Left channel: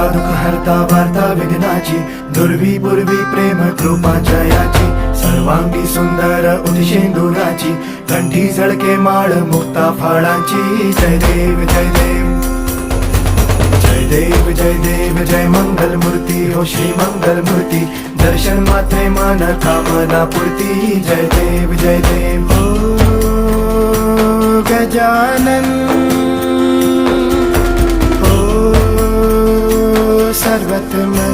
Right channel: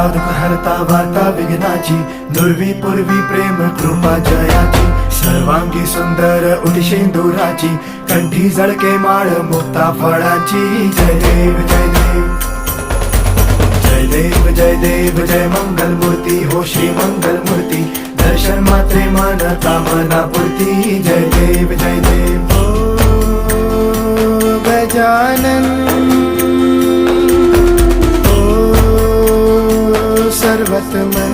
हरता दुःख हरता वार्ता विघ्नाची, दुर्वी पूर्वी प्रेम कृपा जयाची, सर्वांगी सुंदर उदिशेंदुराची, कंठी झळके माळ मुक्ता फळाची. जय देव जय देव जय देव जय देव जय मंगल मूर्ती हो श्री मंगल मूर्ती, दर्शन मात्रे मन कामना पूर्ती. जय देव जय देव हो गजानन हो सर्वतमन.